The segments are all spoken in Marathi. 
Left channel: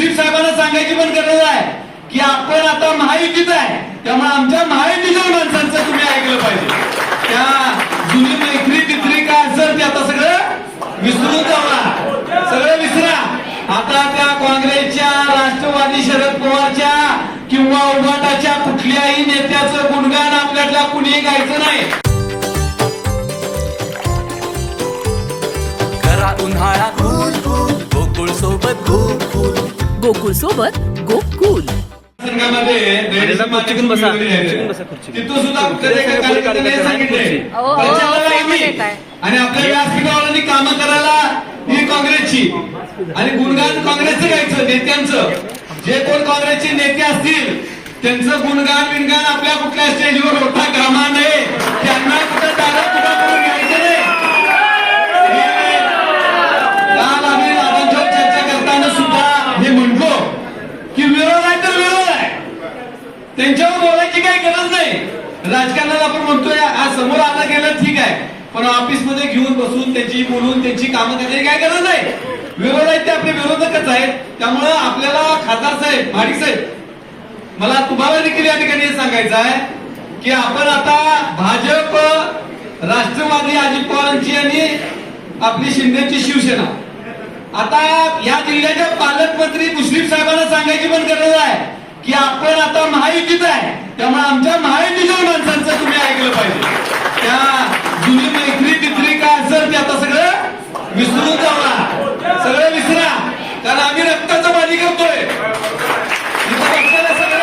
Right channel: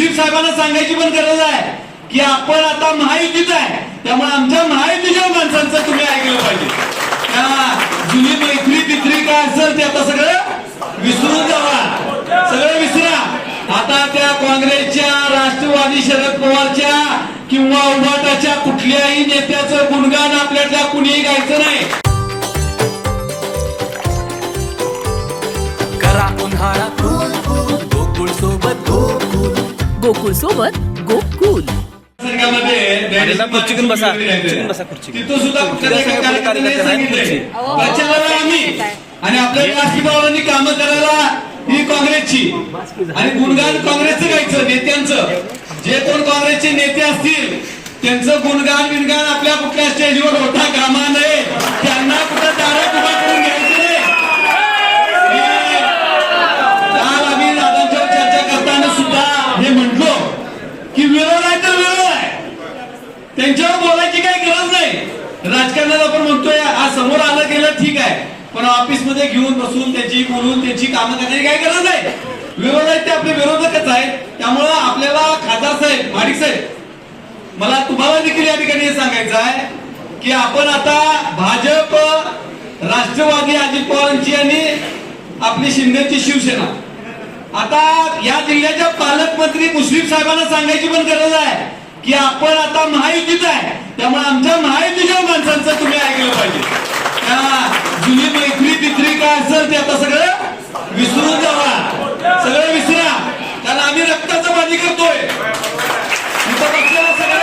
मुश्रीफ साहेबांना सांगायची पण गरज आहे की आपण आता महायुतीत आहे, त्यामुळे आमच्या महायुतीच्या माणसांचं तुम्ही ऐकलं पाहिजे. त्या जुनी मैत्री तित्री काय असेल ते आता सगळं विसरून जावा, सगळं विसरा. आता त्या काँग्रेसच्या, राष्ट्रवादी शरद पवारच्या किंवा उभाटाच्या कुठल्याही नेत्याचं गुणगान आपल्यातल्या कुणीही गायचं नाही. गोकुळ सोबत गोकुल तिथं सुद्धा आणि आपल्या व्यासपीठावरांनी कामं करायला ही काँग्रेसची आणि गुणगान काँग्रेसचं गायचं, नेत्यांचं. जे कोण काँग्रेसचे नेते असतील त्यांचं गुणगान बिनगान आपल्या कुठल्या स्टेजवर होता कामा नये, त्यांना कुठं दारात उभा करून घ्यायचं नाही. काल आम्ही दादांच्यावर चर्चा करताना सुद्धा हे म्हटलो की विरोध आहे तर विरोध आहे, त्यांच्यावर बोलायची काही गरज नाही. राजकारणात आपण म्हणतोय आज समोर आलं गेलं ठीक आहे, पण ऑफिसमध्ये घेऊन बसून त्यांची बोलून त्यांची कामं करण्याची काही गरज नाही. विरोध आहेत ते आपले विरोधकच आहेत. त्यामुळं आपल्याला खासदार साहेब, माडिक साहेब, मला तुम्हाला देखील या ठिकाणी हे सांगायचं आहे की आपण आता भाजप, राष्ट्रवादी अजित पवारांची आणि आपली शिंदेची शिवसेना, आता या जिल्ह्याच्या पालकमंत्री मुश्रीफ साहेबांना सांगायची पण गरज आहे की आपण आता महायुतीत आहे, त्यामुळे आमच्या महायुतीच्या माणसांचं तुम्ही ऐकलं पाहिजे. त्या जुनी मैत्री तित्री काय असेल ते आता सगळं विसरून जावा, सगळं विसरा. कारण आम्ही रक्ताचं बाजी करतोय. सगळं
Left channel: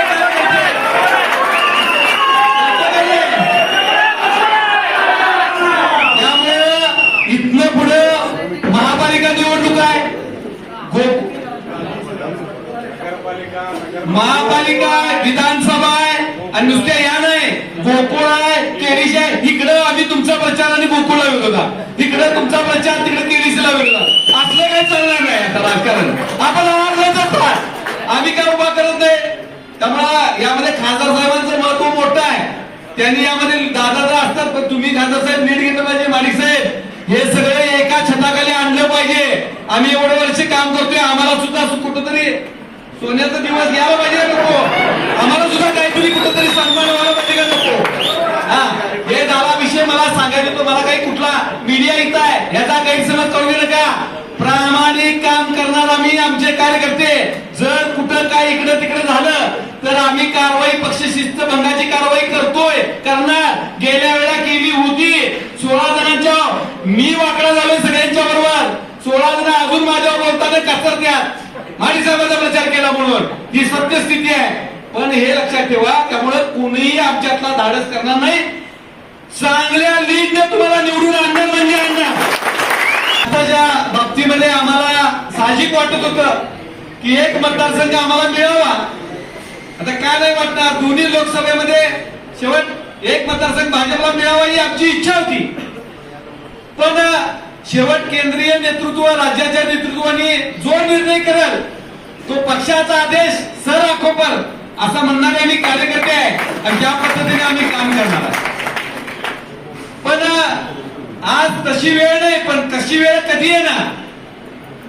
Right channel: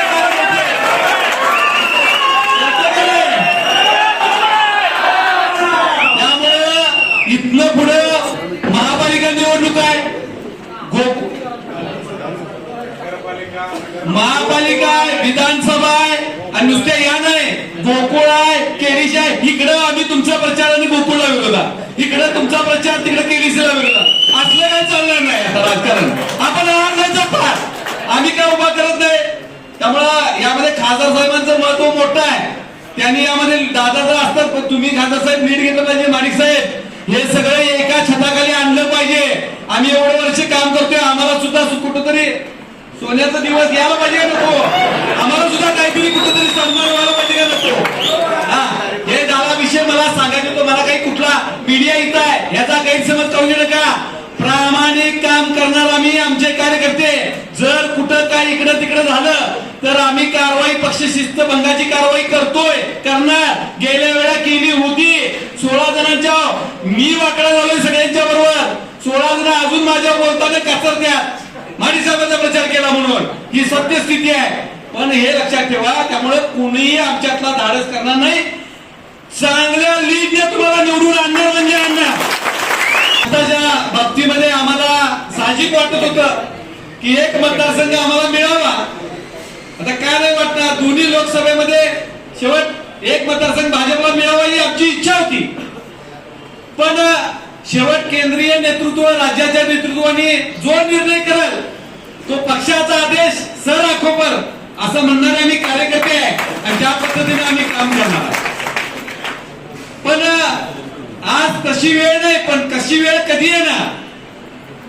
त्यामुळे इथनं पुढे महापालिका निवडणूक आहे, महापालिका आहे, विधानसभा आहे आणि नुसत्या या नाही, गोकुळ आहे, केडीस आहे. इकडं आम्ही तुमचा प्रचार आणि गोकुळला विरोधा, इकडे तुमचा प्रचार, तिकडे केडीसीला विरोधा. असलं काही चालणार नाही आता राजकारण. आपण आम्ही काय उभा करत नाही. त्यामुळं यामध्ये खासदार साहेबांचं महत्व मोठं आहे. त्यांनी यामध्ये दादा असतात, पण तुम्ही खासदार साहेब नीट घेतलं पाहिजे. माडिक साहेब, हे सगळे एका छताखाली आणलं पाहिजे. आम्ही एवढं वर्ष काम करतोय, आम्हाला सुद्धा कुठंतरी सोन्याचा दिवस यायला पाहिजे का नको? आम्हाला सुद्धा काहीतरी कुठंतरी सन्मान व्हायला पाहिजे का नको? हा, हे डावा विषय मला सांगायचं, तो मला काही कुठला मीडिया इथं आहे याचा गैरसमज करू नये नका. प्रामाणिक काम करणार आम्ही, आमचे कार्यकर्ते. जर कुठं काय इकडं तिकडं झालं तर आम्ही कारवाई, पक्ष शिस्त भंगाची कारवाई करतोय, करणार. गेल्या वेळा केली होती. 16 जणांच्या मी वाकडा झालोय सगळ्यांच्या बरोबर. 16 जण अजून माझ्यावर बोलताना काचरत्यात. माडी साहेबांचा प्रचार केला म्हणून ही सत्यस्थिती आहे. पण हे लक्षात ठेवा, त्यामुळे कुणीही आमच्यातला धाडस करणार नाही. चांगल्या लीडने तुम्हाला निवडून आणणार म्हणजे आणणार. आताच्या बाबतीमध्ये आम्हाला साहजिक वाटत होतं की एक मतदारसंघ आम्हाला मिळावा. आता काय नाही वाटणार, दोन्ही लोकसभेमध्ये शेवट एक मतदारसंघ भाजपला मिळावा ही आमची इच्छा होती. पण शेवट केंद्रीय नेतृत्व, राज्याच्या नेतृत्वाने जो निर्णय करेल तो पक्षाचा आदेश सर आखो पर असं म्हणणारे आम्ही कार्यकर्ते आहे आणि ज्या पद्धतीने आम्ही काम करणार आहे. पण आज तशी वेळ नाही, पण कशी वेळ कधी येणार?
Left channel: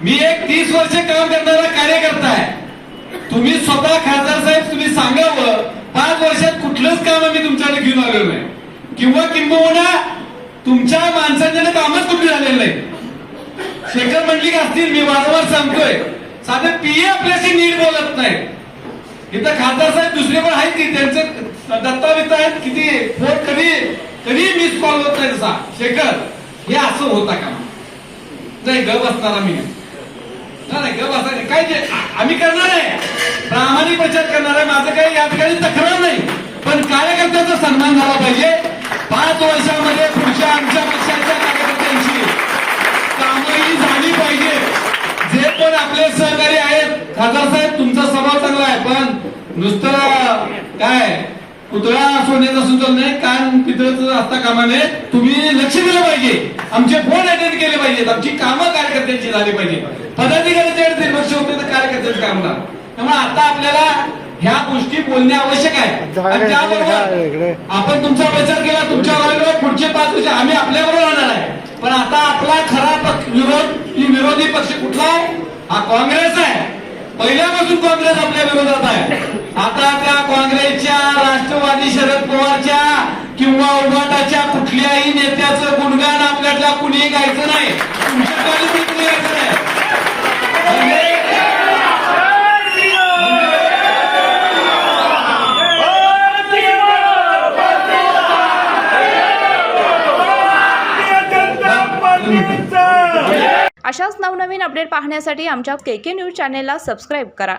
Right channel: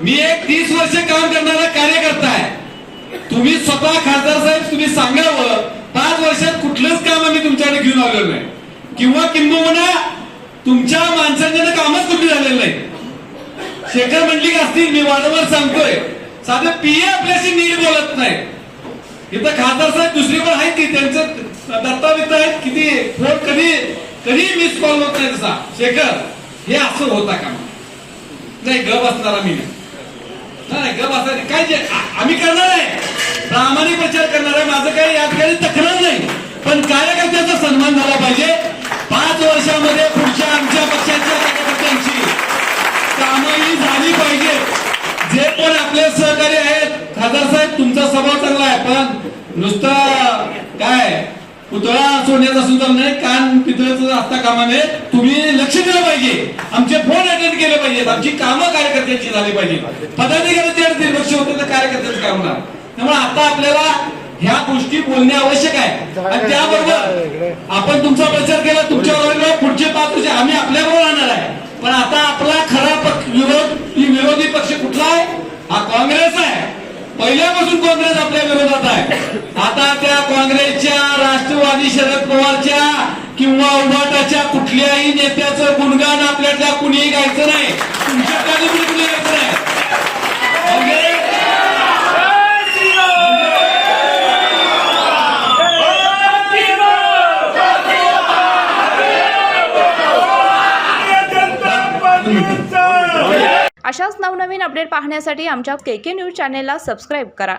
मी एक 30 वर्ष काम करणारा कार्यकर्ता आहे. तुम्ही स्वतः खासदार साहेब तुम्ही सांगावं, 5 वर्षात कुठलंच काम आम्ही तुमच्याकडे घेऊन आलेलो नाही, किंवा किंबहुना तुमच्या माणसांच्या कामच कुठे झालेलं नाही. शेखर मंडलिक असतील, मी वारंवार सांगतोय, साधे पीए आपल्याशी नीट बोलत नाही. इथं खासदार साहेब दुसरे पण आहेत की त्यांचं दत्तावेज आहेत, किती फोन कधी मिस कॉल होत नाही. तसा शेखर हे असं होता का नाही? ग बसणारा मी नाही, ग बसणार काय जे आम्ही करणार आहे, प्रामाणिक प्रचार करणार आहे. माझं काही या ठिकाणी तक्रार नाही, पण कार्यकर्त्याचा सन्मान झाला पाहिजे. 5 वर्षामध्ये पुढच्या आमच्या पक्षाच्या कार्यकर्त्यांची कामही झाली पाहिजे. जे पण आपले सहकारी आहेत, खासदार साहेब तुमचा स्वभाव चांगला आहे, पण नुसतं काय पुतळा सोन्याचा सुद्धा नाही, कान पितळाचं असता कामाने तुम्ही लक्ष दिलं पाहिजे. आमचे फोन अटेंड केले पाहिजेत, आमची कामं कार्यकर्त्यांची झाली पाहिजे. पदाधिकारी त्या दुर्लक्ष होते तर कार्यकर्त्यांचं काम ना. त्यामुळे आता आपल्याला ह्या गोष्टी बोलणे आवश्यक आहे. आणि त्याबरोबर आपण तुमचा प्रचार केला, तुमच्या पुढचे 5 वर्ष आम्ही आपल्याबरोबर राहणार आहे. पण आता आपला खरा विरोधी पक्ष कुठला आहे? हा काँग्रेस आहे. पहिल्यापासून तिकडेच आपल्या विरोधात आहे. आता त्या काँग्रेसच्या, राष्ट्रवादी शरद पवारच्या किंवा उभाटाच्या कुठल्याही नेत्याचं गुणगान आपल्यातल्या कुणीही गायचं नाही, तुमच्याकडे कुणी गायचं नाही. म्हणजे अशाच नवनवीन अपडेट पाहण्यासाठी आमच्या KK न्यूज चॅनेलला सबस्क्राईब करा.